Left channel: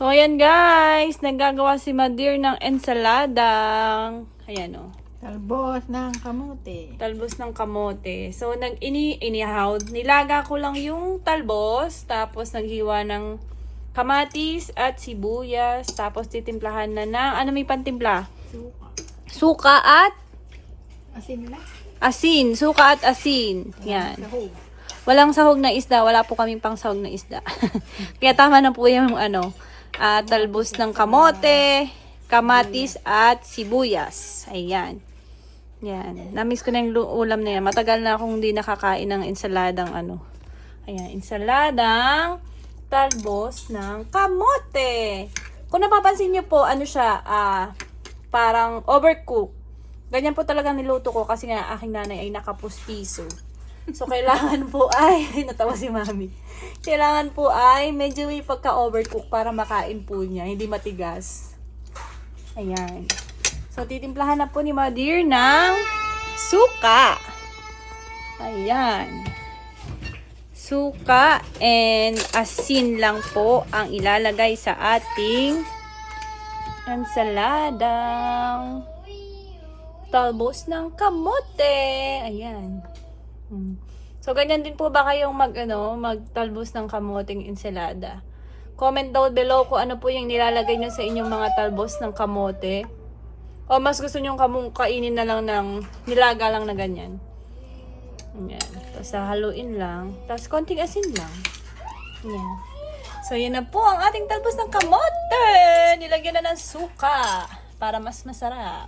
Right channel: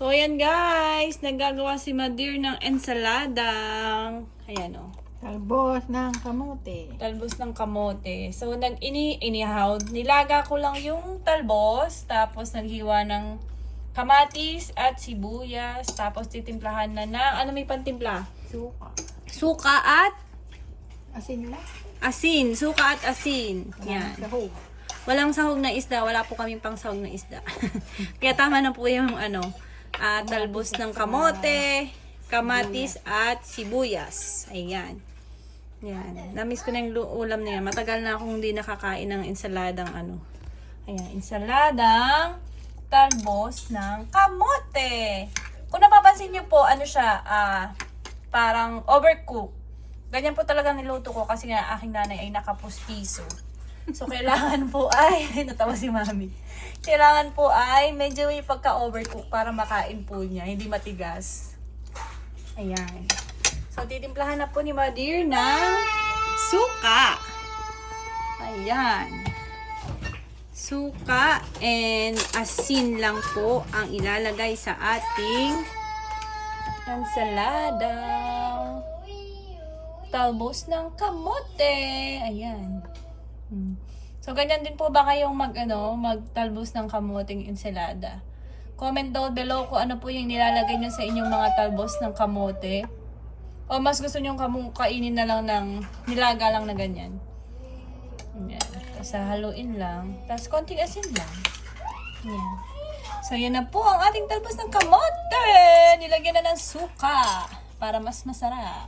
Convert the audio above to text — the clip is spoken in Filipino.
So, ayan guys. Nagagawa si Madir ng ensaladang. Ayan o. Talbos ng kamote. Talbos ng kamote. So, inihaw. Nilaga ko lang yung talbos. Tapos, naghiwa ng kamatis at sibuyas. Tapos, titimplahan na ng, ano may pantimpla? Suka. Suka at Asin lang. asin. Suka at asin. Yan. Sahog. Walang sahog na isda. Wala po kaming pang sahog na isda. Kaya tama na po yung talbos ng kamote, kamatis at sibuyas. Ayan. Yan. Namiss ko na yung ulam na yan. Matagal na akong hindi nakakain ng ensaladang Ayan. Ensaladang talbos ng kamote. Kung napapansin nyo po, parang overcooked. Ganyan po talagang niluto ko kasi nga aking nanay ay nakapustiso. So, kailangan po ay, natawa si mami. Kailangan po ay medyo yung pagka-overcook para makain po niya. Hindi matigas. Ayan. So, titimplahan na po ni Madir ng suka. Ayan. Suka and asin lang po ang ilalagay sa ating ensaladang talbos ng kamote. Ayan. So, ganyan din po ba kayong magtalbos ng kamoteng ensalada? Comment down below kung ano po yung nilalagay nyo sa inyong mga talbos ng kamote. O mas gusto nyo kainin na lang ng nilaga lang na ganyan. Ayan. Tapos haluin lang. Tapos konting asin lang. Ayan. So, yan na po ang ating talbos ng kamote. Nilagyan na ng suka para mas masarap.